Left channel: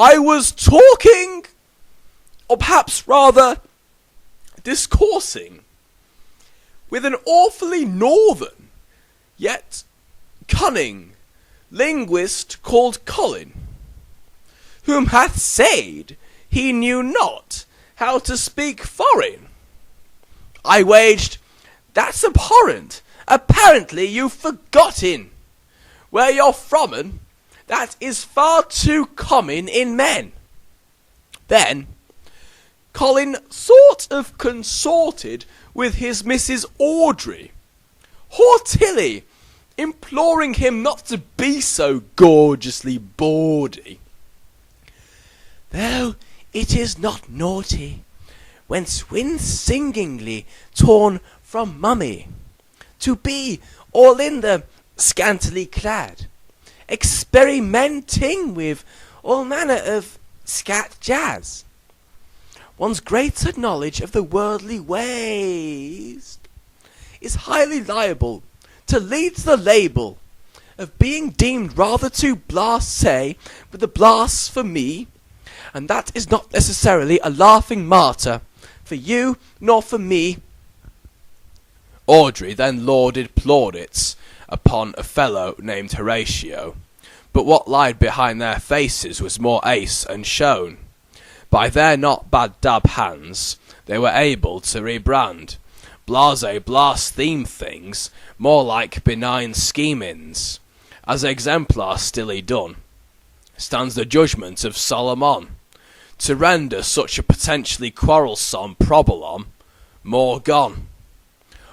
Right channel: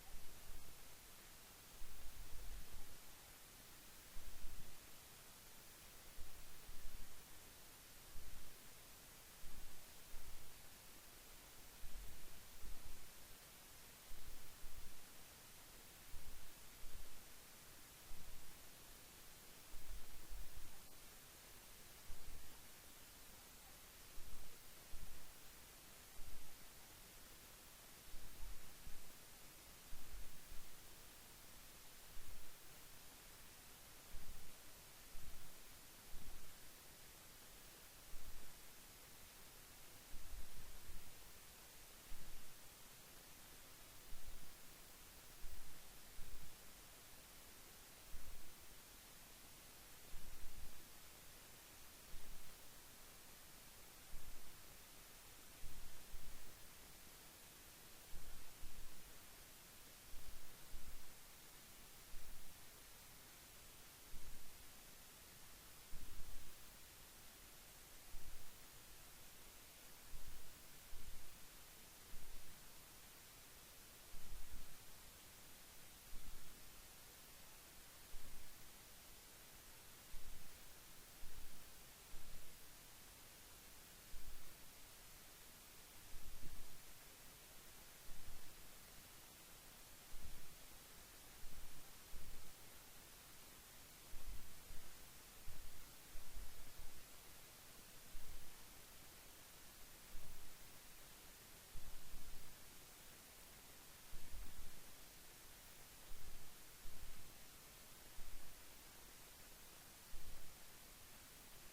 I was talking, or perhaps rather discoursing, with an awfully northern, yet cunning, linguist called Colin, whom hath said he knew not how to speak foreign. I waged, that's abhorrent, apparently you've forgotten where you're from'n, that is far too common in men. Then Colin sort of consorted with his Mrs. Audrey, haughtily imploring him not to be so gorgeously bawdy. Though it is not naughty, when swins singingly torn from mummy, to be all in the scantily clad, experimenting with all manner of scat jazz. One's greater knowledge of the worldly ways is highly liable to lead to the label of being deemed rather too blasé with the blasphemy, and that is not necessarily a laughing matter for you nor for me. Audrey then lauded plaudits upon a fellow named Horatio, but what lied behind their faces was more ace and shown. By their not bad dab hands they were able to rebrand blasé blaspheme things more like benign schemings. As exemplar stilly done stands the judgment of Solomon, to render such a potentially quarrelsome probolom more gone.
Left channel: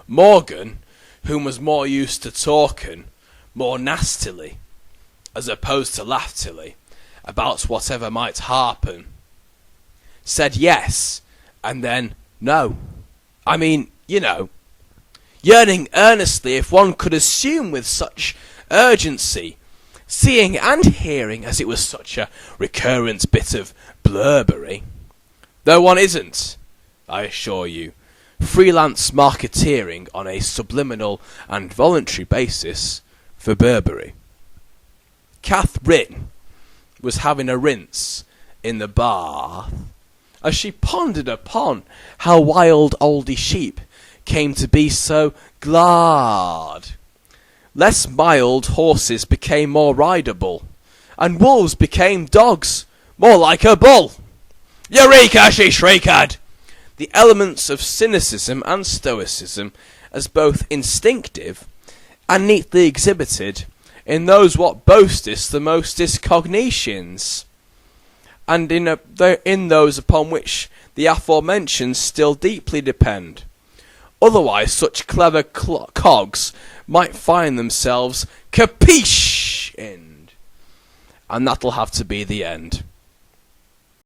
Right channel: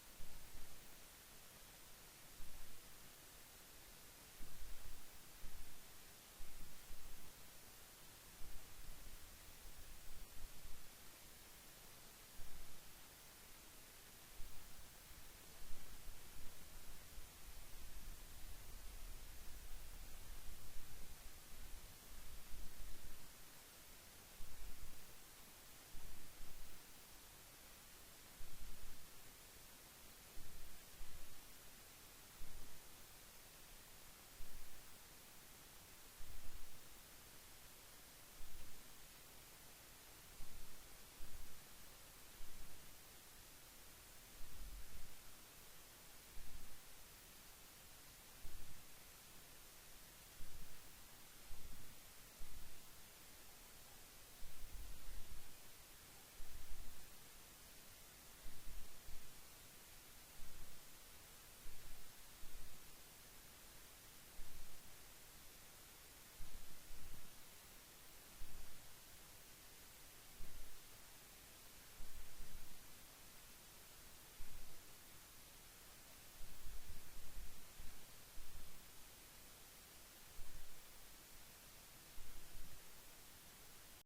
Morgan, whom was more used to talking more nastily, as opposed to laughtily, about whatever might happen, said yes, and then no. I mean, you know, yearning earnestly if one could assume with such urgency, seeing and hearing as it was such a recurrent bit of blurbery. Though one isn't, I assure you, freelance marketeering on a subliminal and voluntary basis for Burberry. Catherine was having a rinse in the bath as she pondered upon how wild oldie sheep came to be so glad. Less mild horses became more rideable, and wolves became dogs, more like a bull. Eureka, she shrieked! The elements of cynicism and stoicism as both instinctive and neatly exhibited in those what boasteth the mostest cognitions, and in those upon which the aforementioned still deeply depend. Otherwise such clever cogs might find themselves capiche-ed, and that'll have to be the end.